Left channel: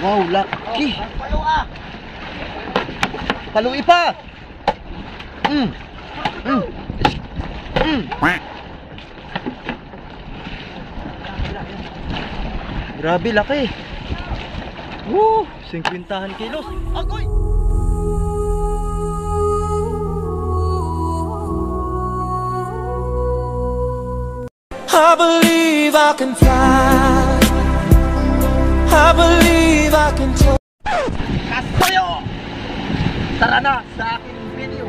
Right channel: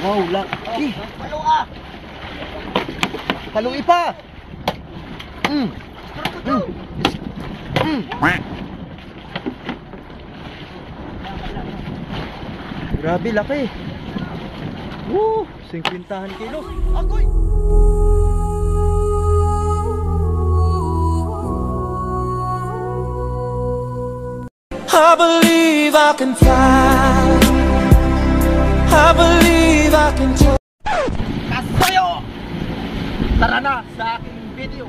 Wow, laki. Palua. Palui pa. Grabe, laki. Woo, 50 kilos. Agoy. I believe I can fly. I believe I can fly. Kasayo! Tara na sa aking video.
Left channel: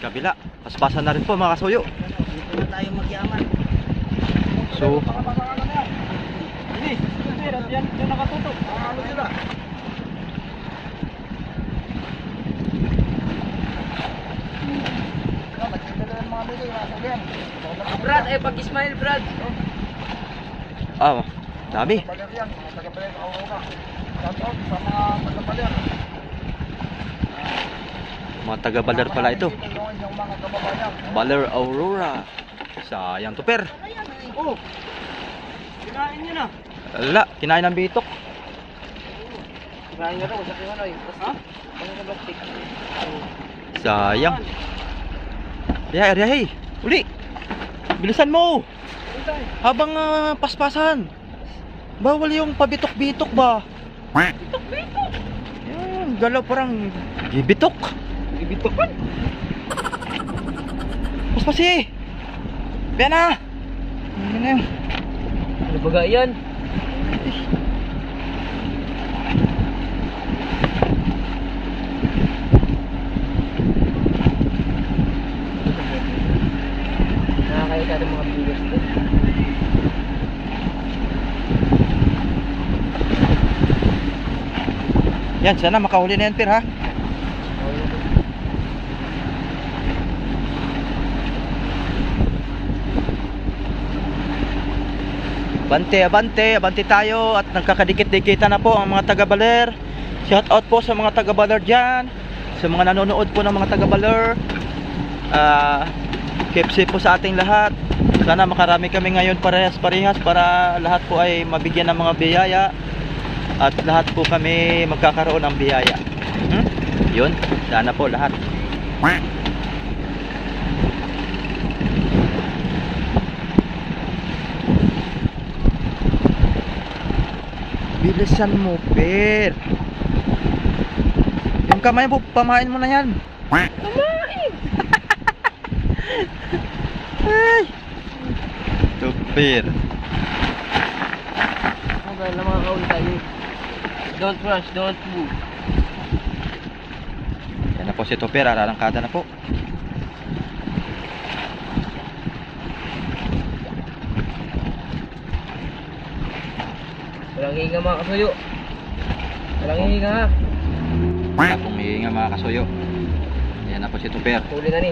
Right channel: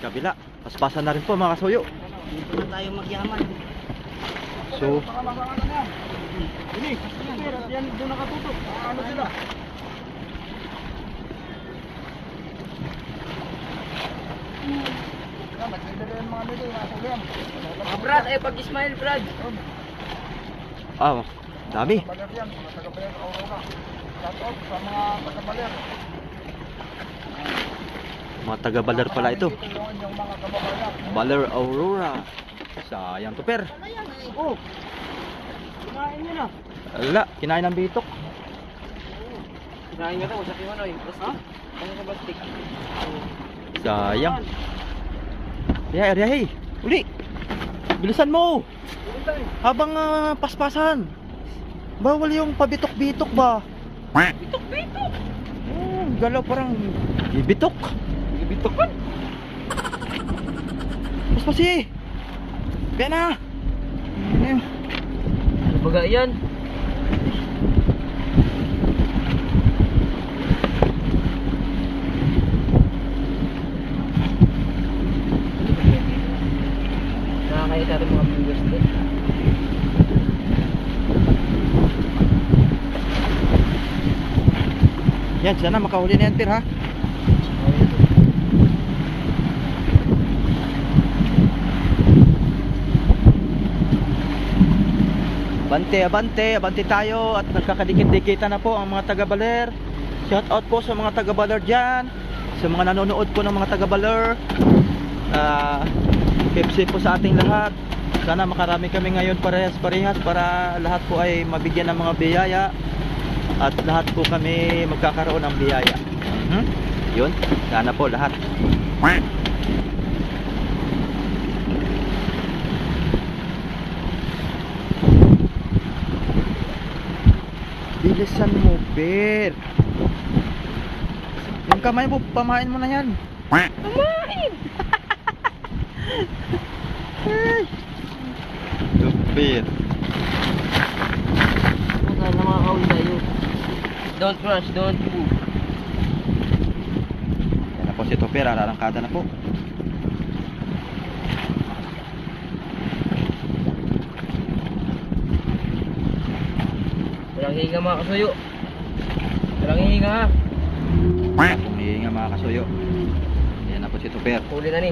Kabila, paspasan na rin po mga kasuyo. Dito tayo magyaman. So, Diyan nakatutok. Ano sila? Brad, ay pag-smile, Brad. dami. Mga taga-Baler pala ito. Baler Aurora. Sayang to, per. Oh. Kinain niyo na. Wala, kinain ng bitok. Kinain niyo na, usap yung ano eh. Ha? Pangin na plastic. Sayang. Ya, Riyahi. Uli. Bilisan mo. Habang paspasan. Bawal yung pabitok-bitok ba? Bitok-bitok. Yan, galaw parang bibitok. Bitok kan? Paspasi. Biyan na. Yan na yun. Ano baga yan? Nakakaya sa ating mga viewers din. Yan, sana makahuli na yan, per, ha? Abante tayo at nagkakadikit-dikita na po ang mga taga-Baler. Shout out po sa mga taga-Baler dyan, sa mga nanonood po ng mga taga-Baler. Keep safe po sa ating lahat. Sana makarami kami ngayon parehas-parehas para lahat po ay mabigyan ng mga biyaya at lahat po kami magkakaroon ng biyaya. Yun, sana po lahat. Bilisan mo, per. Yung kamay mo, pamain mo na yan. Pamain. Ay. Ito, per. Wala mga kaul tayo. Don't rush, don't move. Yan na po si Topper, ararangkada na po. Walang hihinga mga kasuyo. Walang hihinga ha. Wala pong hihinga mga kasuyo. Yan na po si Topper. Huli na ni.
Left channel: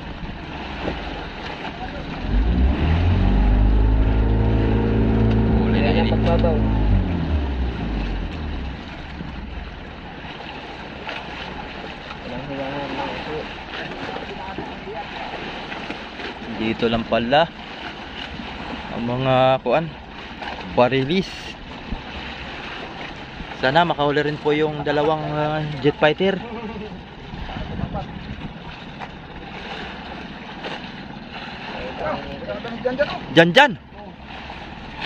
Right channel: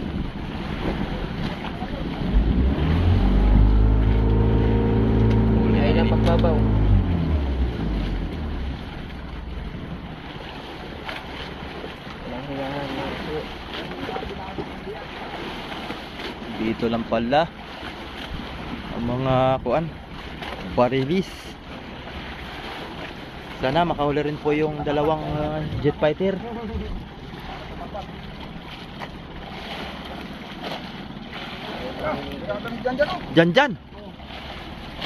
Huli na Kaya yun. na pagbabaw. Walang hihinga ha mga kasuyo. Dito lang pala ang mga kuan, barilis. Sana makahuli rin po yung dalawang jet fighter. Janjan.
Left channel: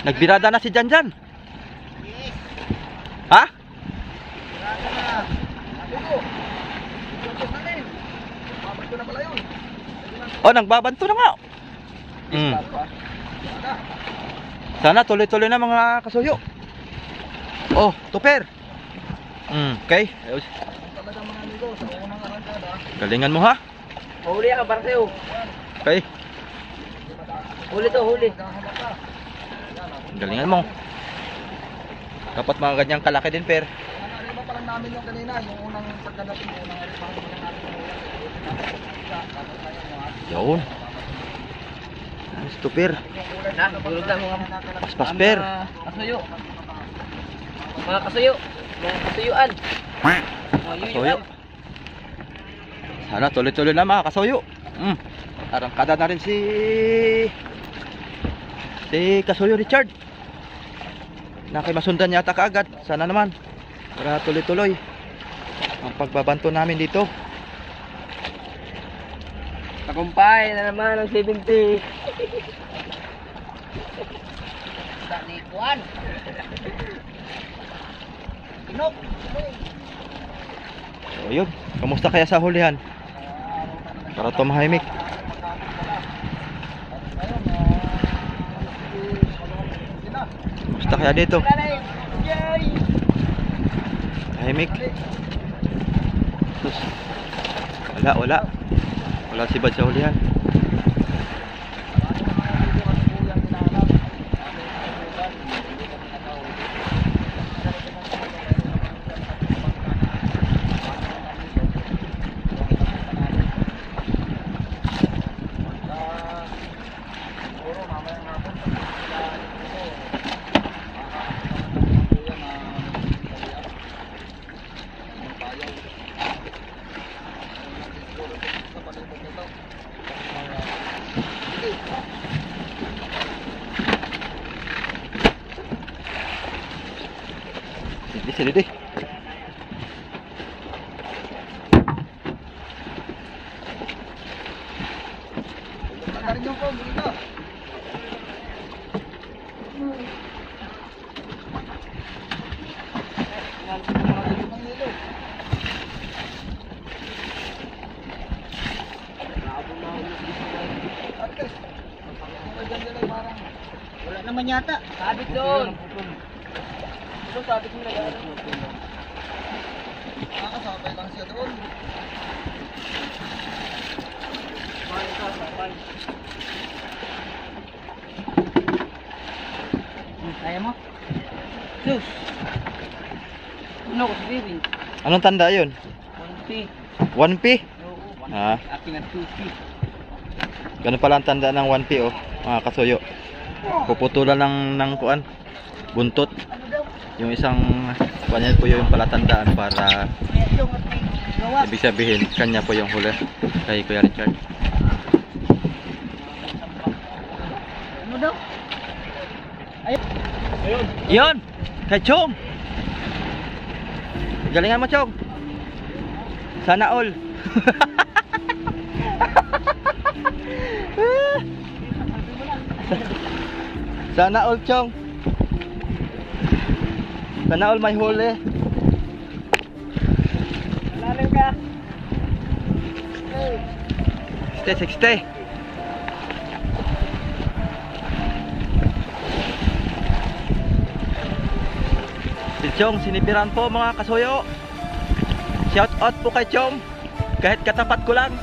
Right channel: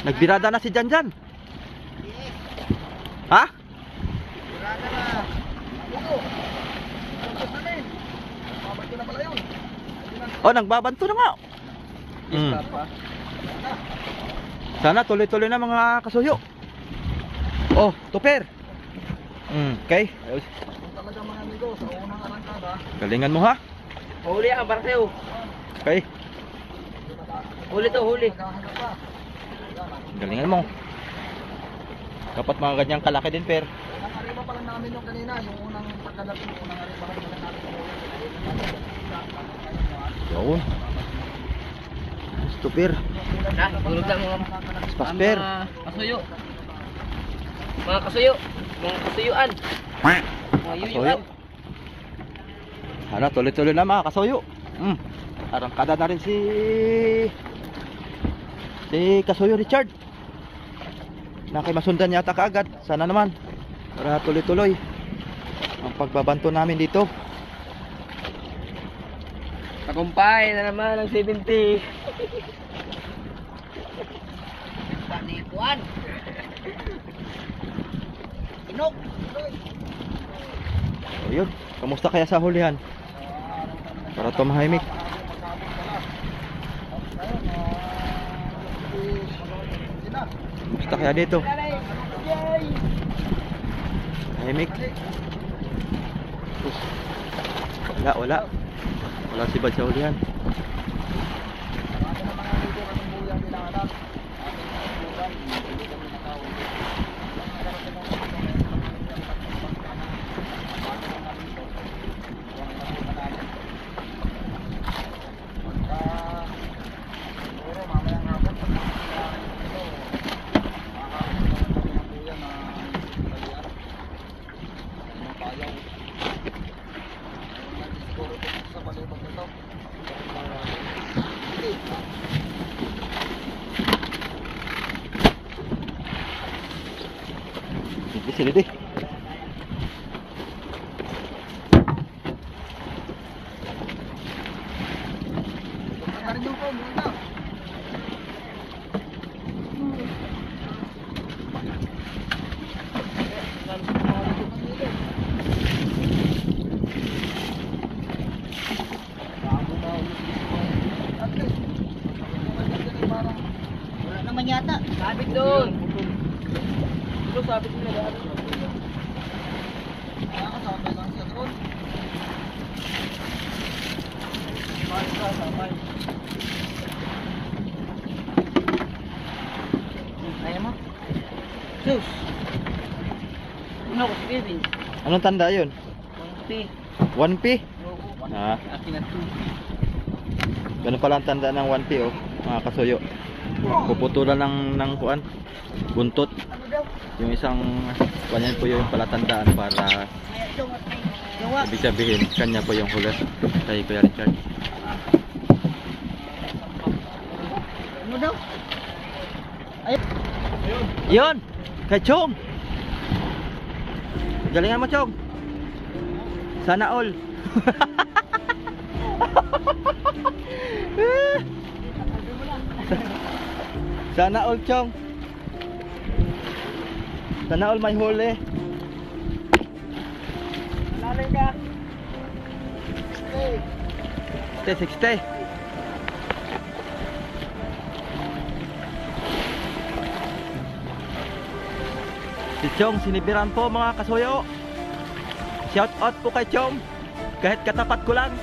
Nagbirada na si Janjan. Ha? Oh, nagbabanto na nga. Sana tuloy-tuloy na mga kasuyo. Oh, Topper. Okay. Ayos. Galingan mo, ha? Huli ka para sa'yo. Okay. Huli to, huli. Galingan mo. Dapat mga ganyang kalaki din, per. Ano pa lang namin yung kanina, yung unang pagkadating, yung unang alipaw. Yun. Nice, Topper. Na, tulog na mga Paspas, per. kasuyo. Mga kasuyo. Mga kasuyuan. Mga Kasuyo. yuyuan. Sana tuloy-tuloy na mga kasuyo. Arangkada na rin si Si Kasuyo Richard. Nakimasundan yata kaagad. Sana naman. Para tuloy-tuloy ang pagbabanto namin dito. Tagumpay na naman ang 70. Tanikuan. Inok. So yun, kamusta kaya sa hulihan? Para tumahimik. Kamusta kaya dito? Tahimik. Sus. Wala si Bad sa hulihan. Sini deh. Wala naman yata. Sabit doon. Ito sabit mo nag-aaral. Kaya mo? Sus! Ano ko si Kevin? Anong tanda yun? 1P. 1P? Oo. Ah, Ating at 2P. ganun pala ang tanda ng 1P oh, mga kasuyo. Puputulan ng kuan, buntot. Ano daw? Yung isang kanyan po yung palatandaan para Gawa. ibig sabihin kanya po yung huli kay Kuya Richard. Ano daw? Ayun. Yun! Kay Chong! Galingan mo, Chong! Sana all! Sana all, Chong! Sana all may huli. Lalim ka. Stay, 60. Si Chong, sinibiran po mga kasuyo. Shout out po kay Chong. Kahit katapat ko lang.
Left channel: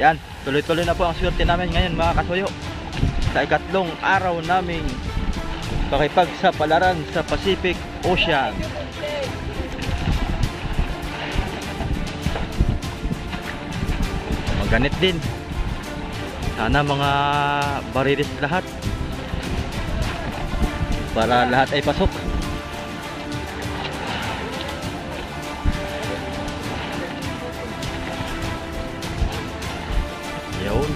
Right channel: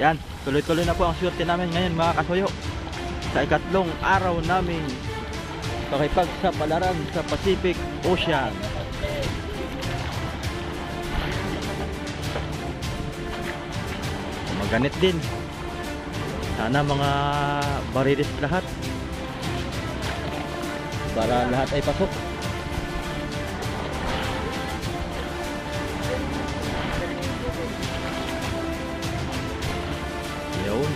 Yan, tuloy-tuloy na po ang swerte namin ngayon mga kasuyo. Sa ikatlong araw naming pakipagsapalaran sa Pacific Ocean. Maganit din. Sana mga barilis lahat para lahat ay pasok. Yun.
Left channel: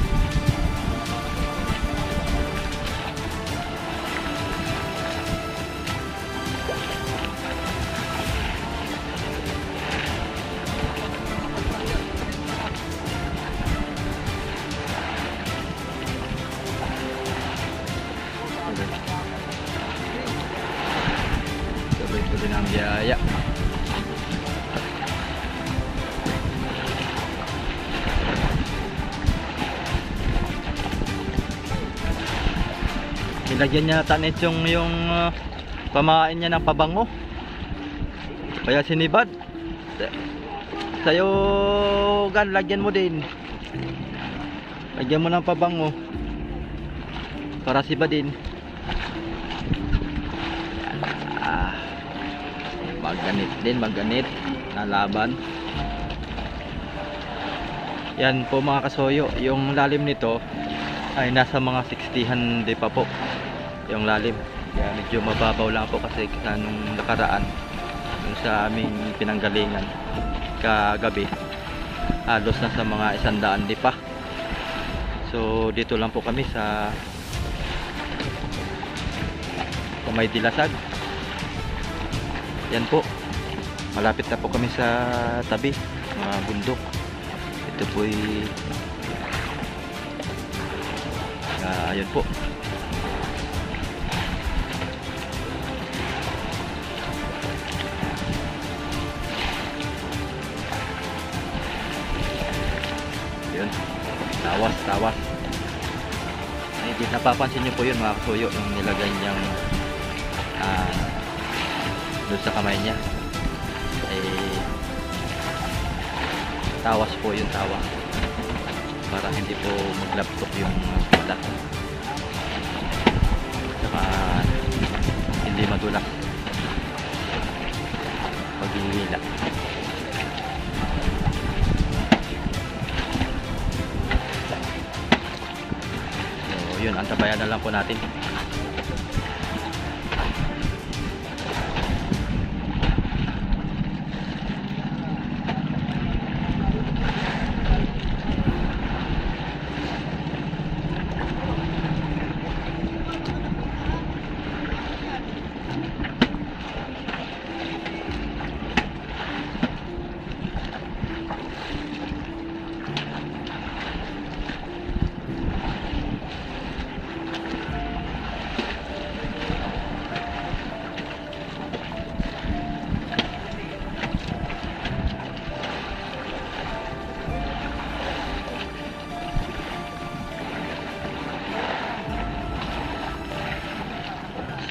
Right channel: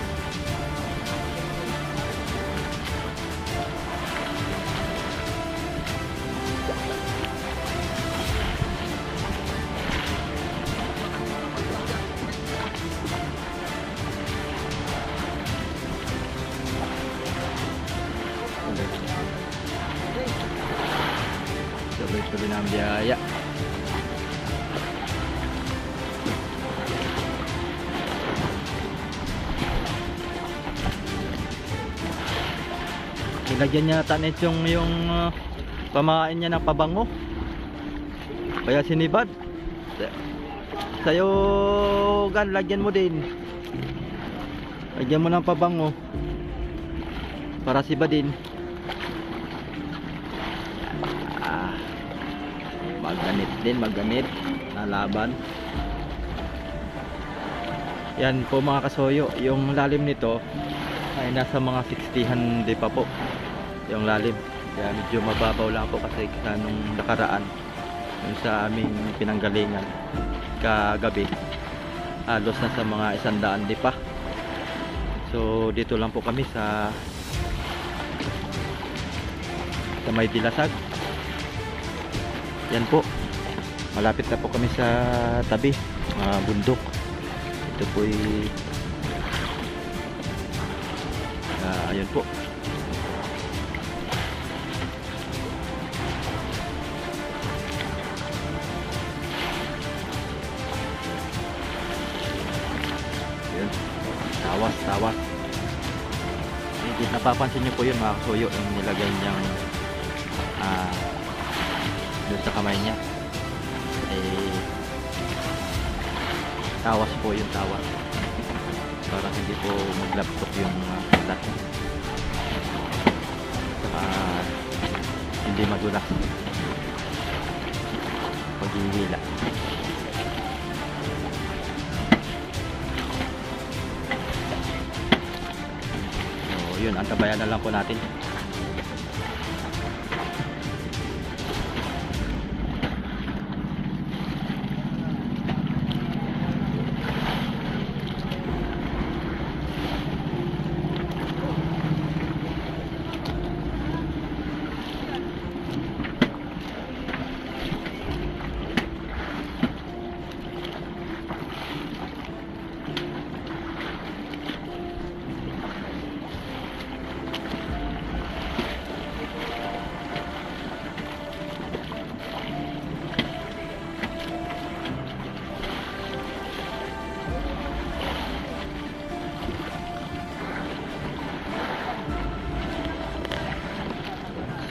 Tuloy-tuloy na ang biyaya. Nilagyan niya tanit yung pamain niya ng pabango. Kaya sinibad. Sa'yo gan, lagyan mo din. Lagyan mo ng pabango para sibadin. Yan. Maganit din, maganit na laban. Yan po mga kasoyo, yung lalim nito ay nasa mga 60 di pa po yung lalim. Kaya medyo mababaw lang po kasi sa nung nakaraan dun sa aming pinanggalingan kagabi halos na sa mga 100 di pa. So dito lang po kami sa may Dilasag. Yan po, malapit na po kami sa tabi bundok. Ito po ayun po. Yun, tawas. Ay, napapansin nyo po yun mga kasuyo, yung nilagay niyang doon sa kamay niya ay tawas po, yung tawas para hindi po maglaptok yung balat, saka hindi madulak paghihila. So yun, antabayan na lang po natin.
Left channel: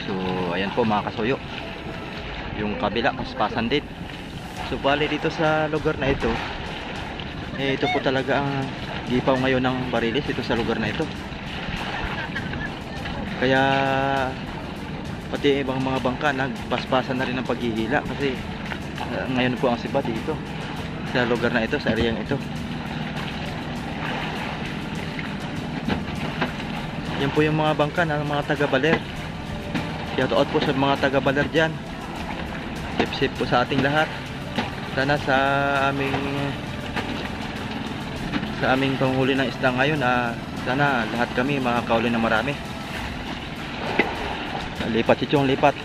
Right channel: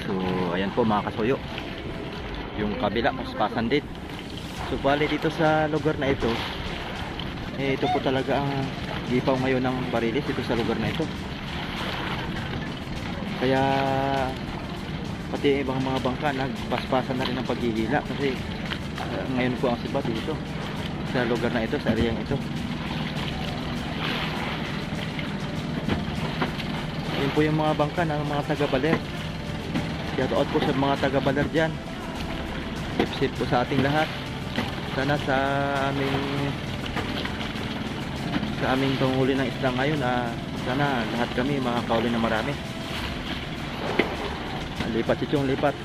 So ayan po mga kasuyo, yung kabila paspasan din. So bali dito sa lugar na ito, ito po talaga ang gipaw ngayon ng barilis dito sa lugar na ito. Kaya pati ibang mga bangka nagpaspasan na rin ng paghihila kasi ngayon po ang sibat dito sa lugar na ito, sa areyang ito. Yan po yung mga bangka ng mga taga-baler. Shout out po sa mga taga-baler dyan. Safe po sa ating lahat. Sana sa aming panghuli ng isda ngayon, sana lahat kami makakauli na marami. Lipat chichong, lipat.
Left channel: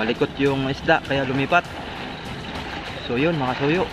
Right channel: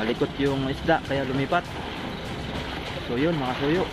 Malikot yung isda kaya lumipat. So yun mga suyo,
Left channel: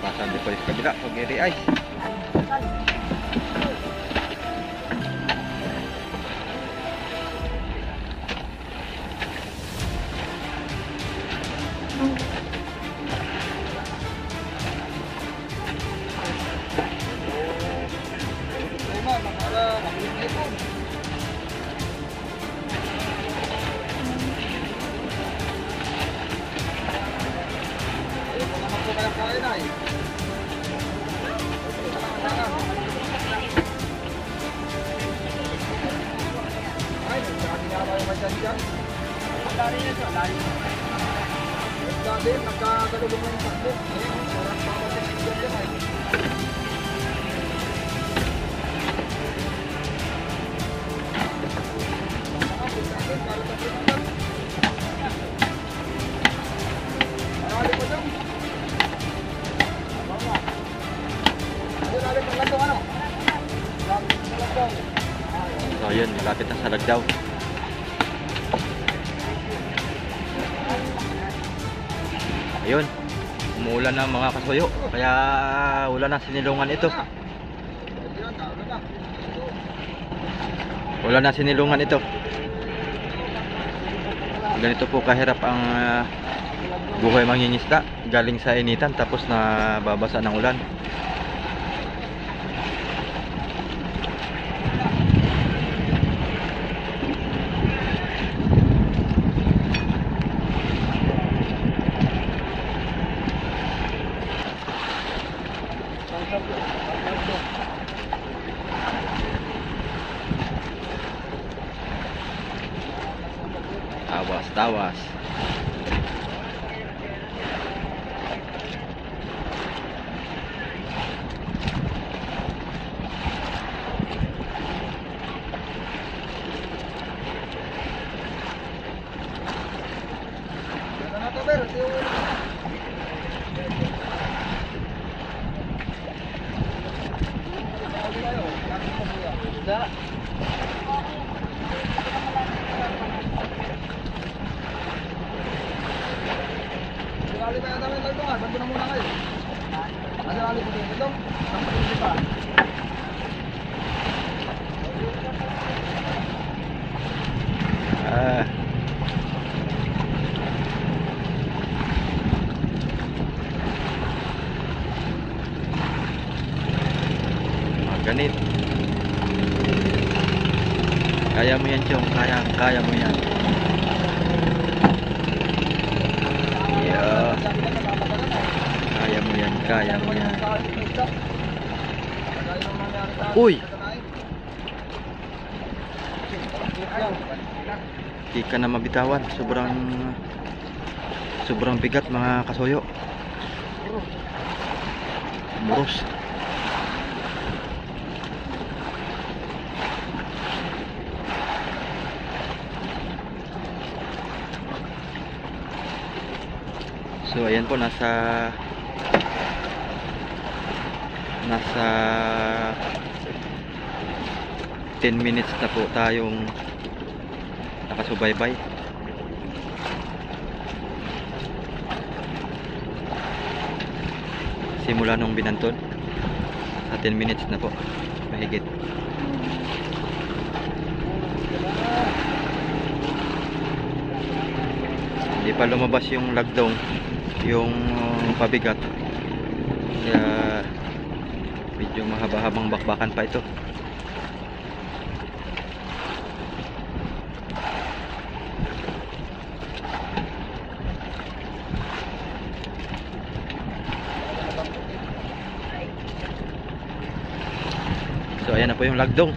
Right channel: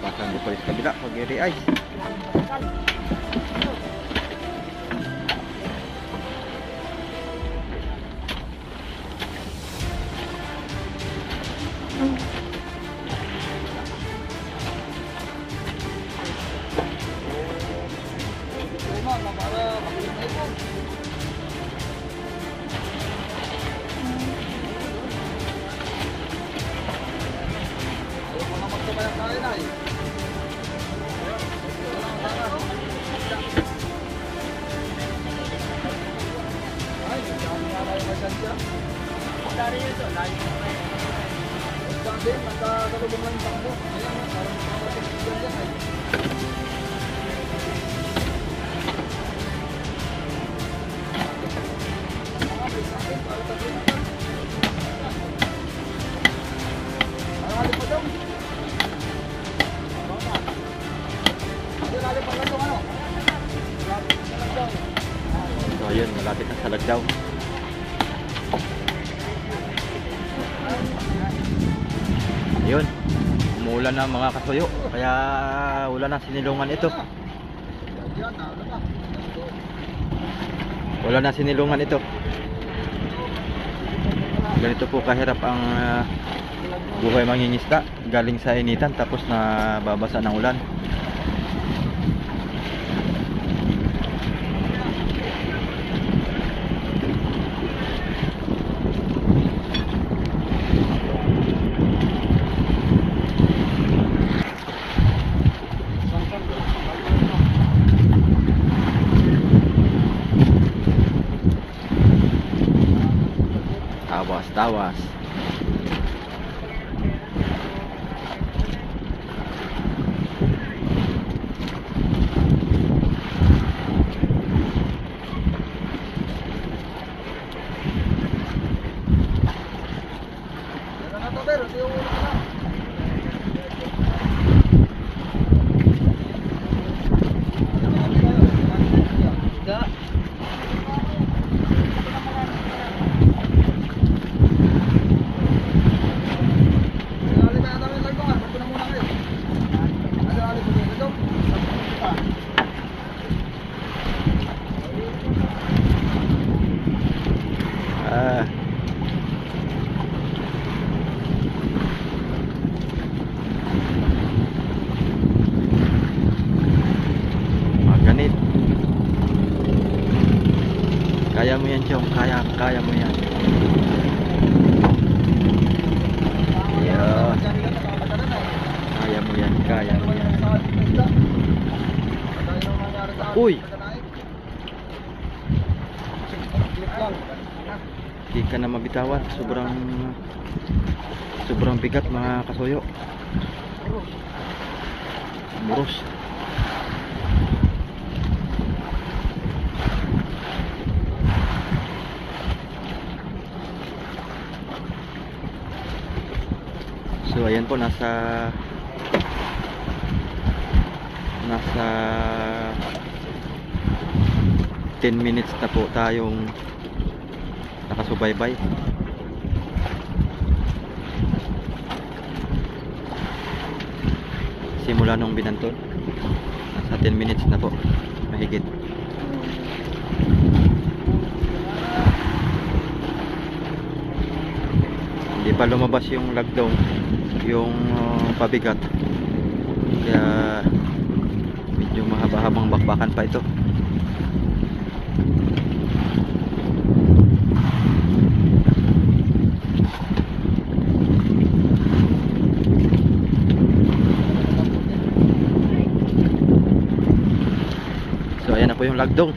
pasan di po sa kabila pag-iri ice. Nagkagalubong lang yung takbo. Ayan, parang papasok dyan ay. So yun, malapit na sa Lagdaw. Ayun, umuulan na mga kasuyo, kaya wala na sinilungan ito. Wala na sinilungan ito. Ganito po kahirap ang buhay mangingisda, galing sa initan tapos na babasa ng ulan. Tawas. Ganit. Kaya mo yan, Chong. Kaya mo yan. Yeah. Kaya mo yan. Uy! Di ka na mabitawan. Sobrang bigat mga kasuyo. Muros. So ayan po, nasa 10 minutes na po tayong nakasubaybay. Simula nung binanton, nasa 10 minutes na po mahigit. Hindi pa lumabas yung lagdong, yung pabigat, kaya medyo mahaba-habang bakbakan pa ito. So ayan na po yung lagdong,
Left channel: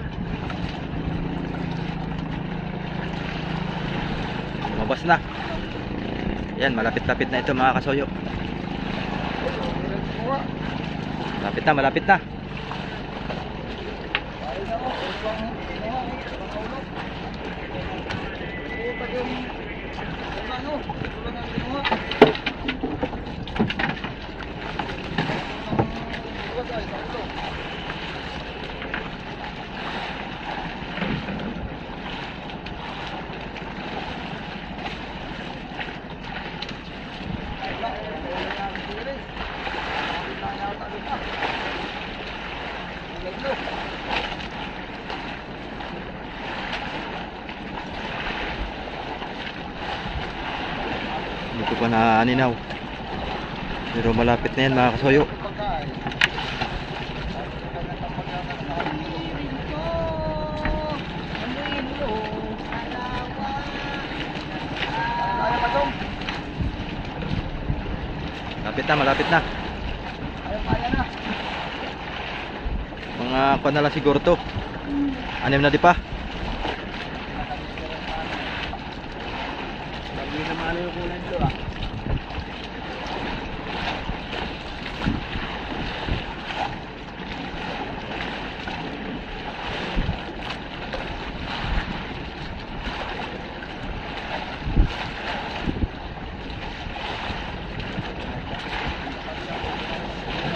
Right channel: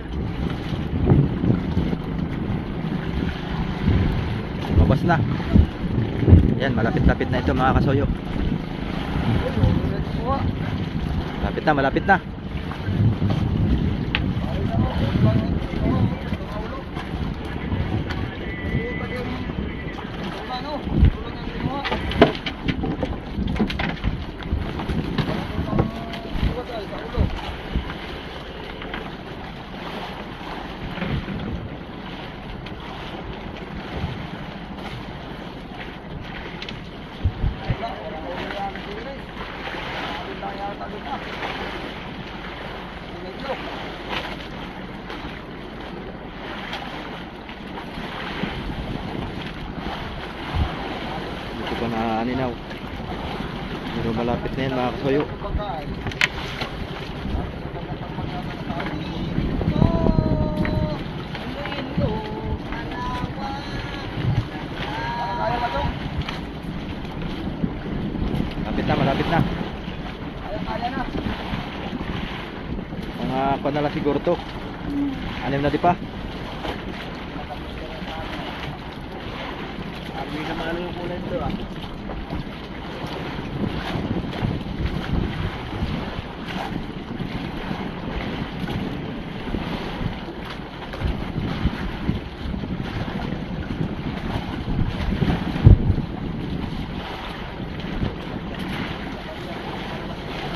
lumabas na. Yan, malapit-lapit na ito mga kasuyo. Malapit na. Dito pa na aninaw, pero malapit na yan mga kasuyo. Malapit na. Mga kuwan na lang siguro to. 6 na di pa.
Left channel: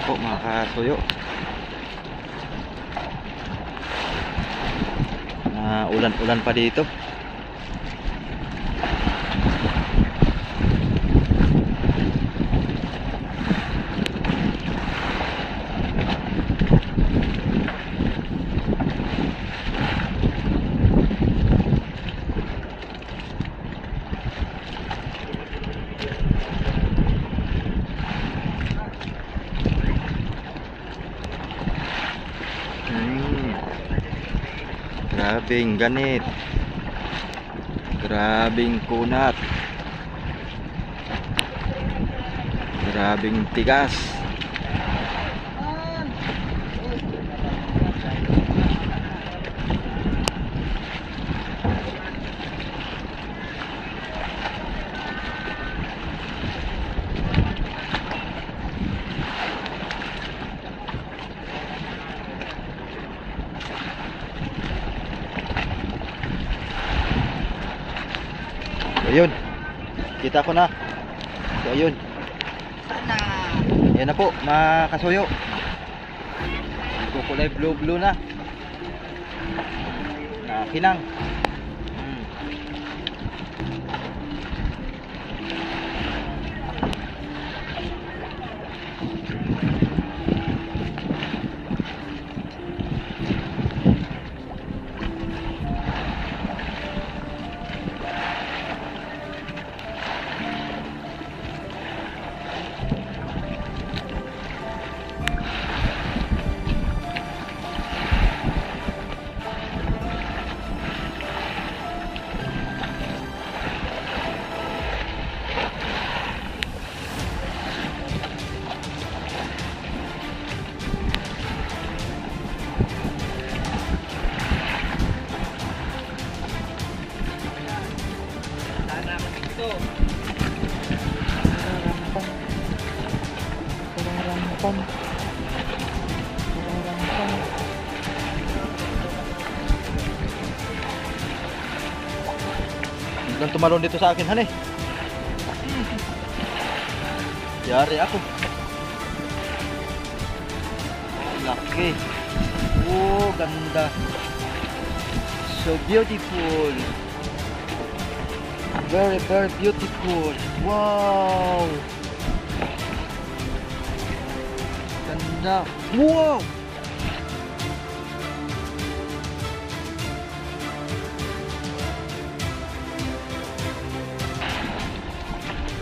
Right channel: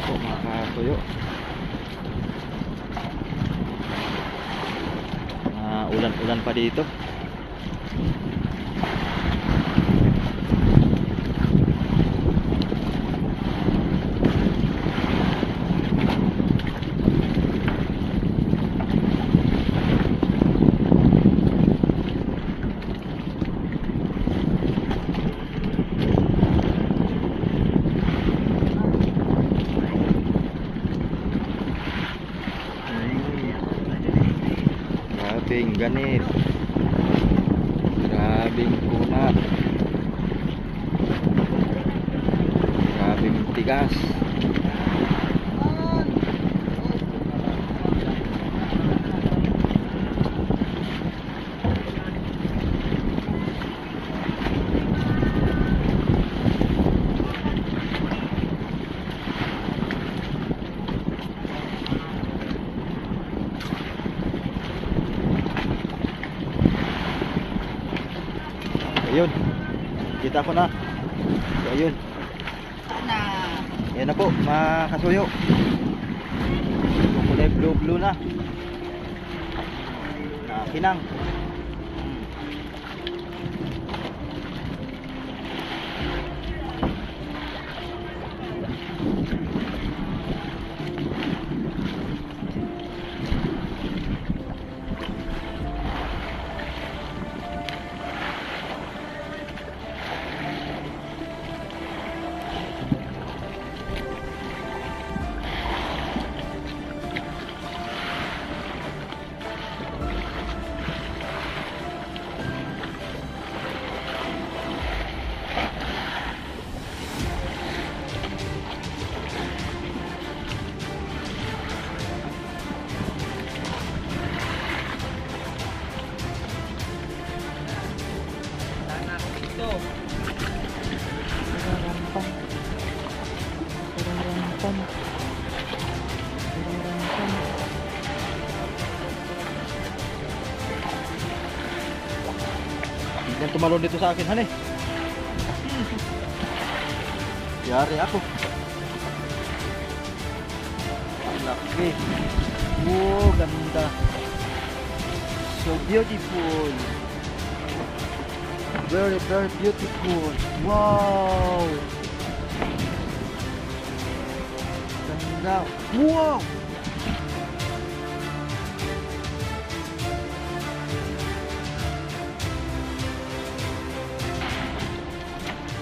Mga kasuyo, ulan-ulan pa dito. Grabing ganit. Grabing kunat. Grabing tigas. Ayun, kita ko na. So ayun, yan na po mga kasuyo. Kulay blue na kinang. Biglang tumalon dito sa akin, han eh. Yari ako. Oh, laki. Oh, ganda. So beautiful. Very, very beautiful. Wow. Ganda. Wow.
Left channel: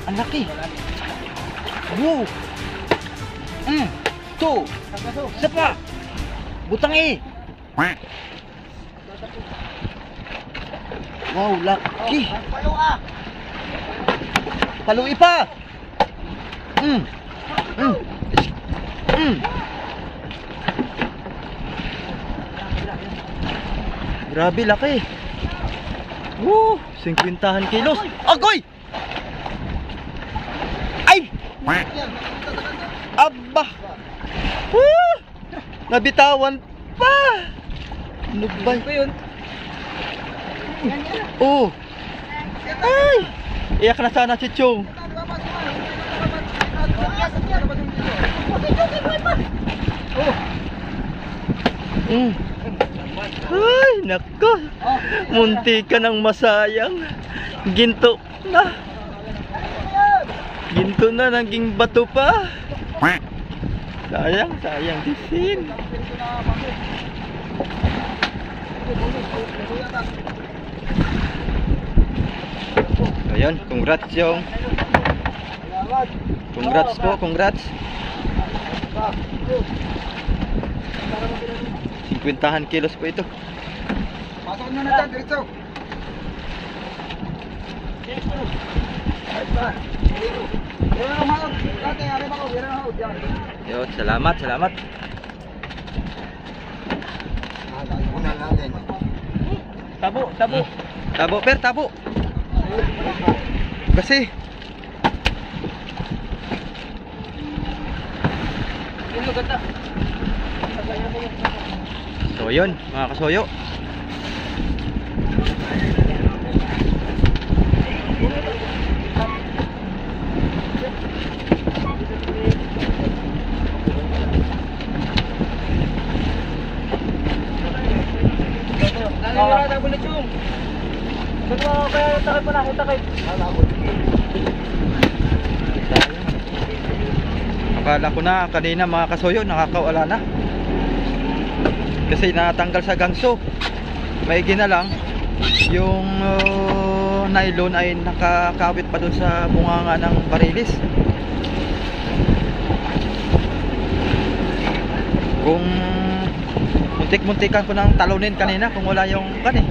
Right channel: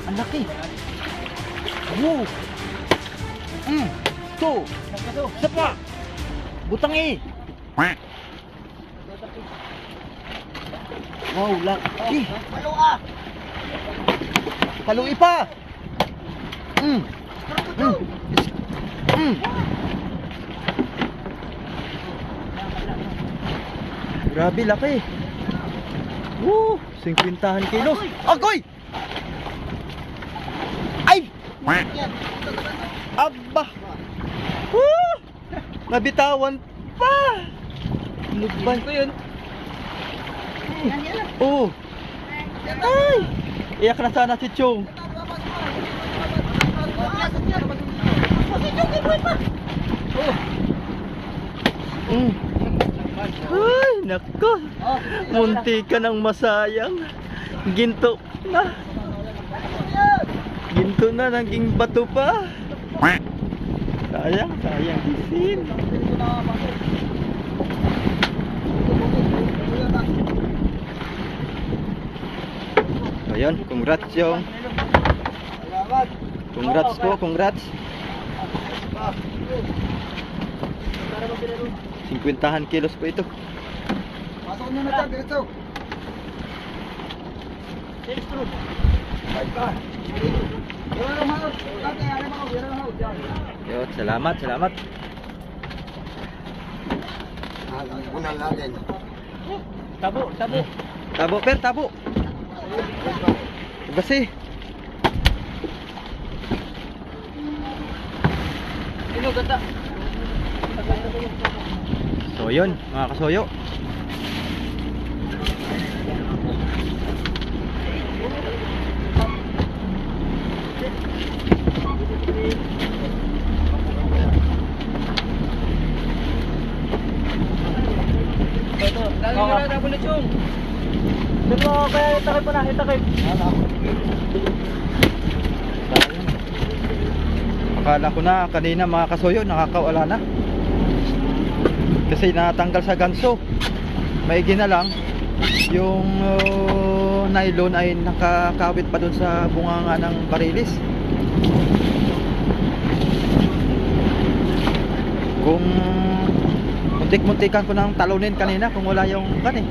Ang laki. Wow. Tuh. Siapa? Butang eh. Wow, laki. Palui pa. Grabe laki. Woo, 50 kilos. Agoy! Ay! Aba! Woo! Nabitawan pa! Lubay ko yun. Oh! Ay! Iyak na sana si Chong. Ay, nako. Munti ka ng masayang. Ginto na. Ginto na, naging bato pa. Sayang, sayang disin. Ayun, congrats yung. Congrats po, congrats. 50 kilos po ito. Pasok mo na dyan, diretso. Yun, salamat, salamat. Tabo, tabo. Tabo, per, tabo. Kasi so yun, mga kasoyo. Akala ko na kanina mga kasoyo nakakawala na. Kasi natanggal sa ganso. Maigi na lang yung nylon ay nakakawit pa dun sa bunganga ng barilis. Kung Muntik-muntikan ko nang talunin kanina kung wala yung kan eh.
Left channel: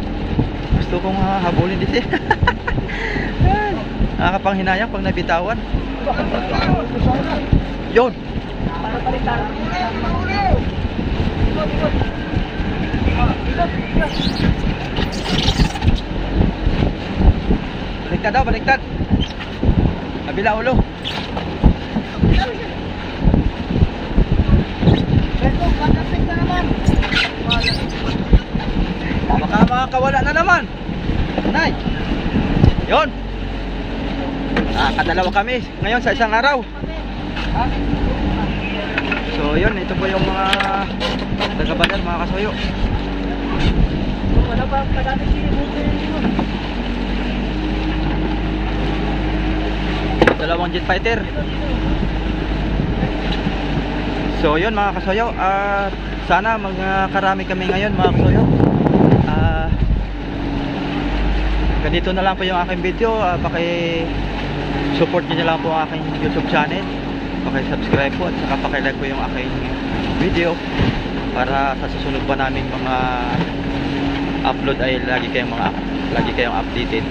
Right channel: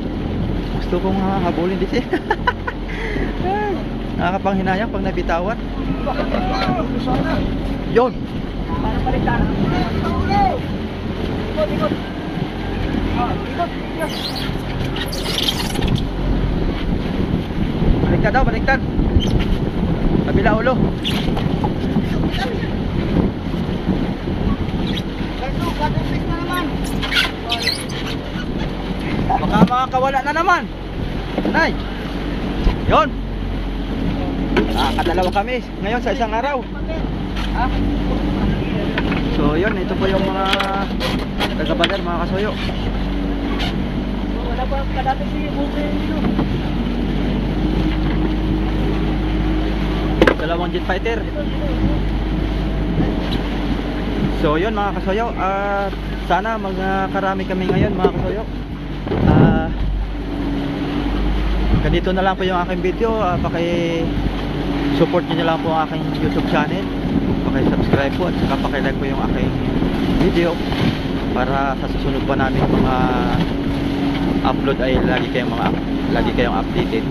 Gusto kong habulin dito. Nakakapanghinayang pag nabitawan. Yun. Para baliktad. Ikot, ikot. Ikot, ikot. Baliktad daw, baliktad. Kabila ulo. Ito, kakasik na naman. Baka makakawala na naman. Nay. Yun. Kadalawa kami ngayon sa isang araw. Ha? So yun, ito po yung mga taga-badar, mga kasuyo. Wala pa kadami si Buto dito. Dalawang jet fighter. So yun mga kasuyo, sana magkarami kami ngayon mga kasuyo. Ganito na lang po yung aking video. Paki-support nyo na lang po ang aking YouTube channel. Paki-subscribe po at saka paki-like po yung aking video para sa susunod pa naming mga upload ay lagi kayong updated.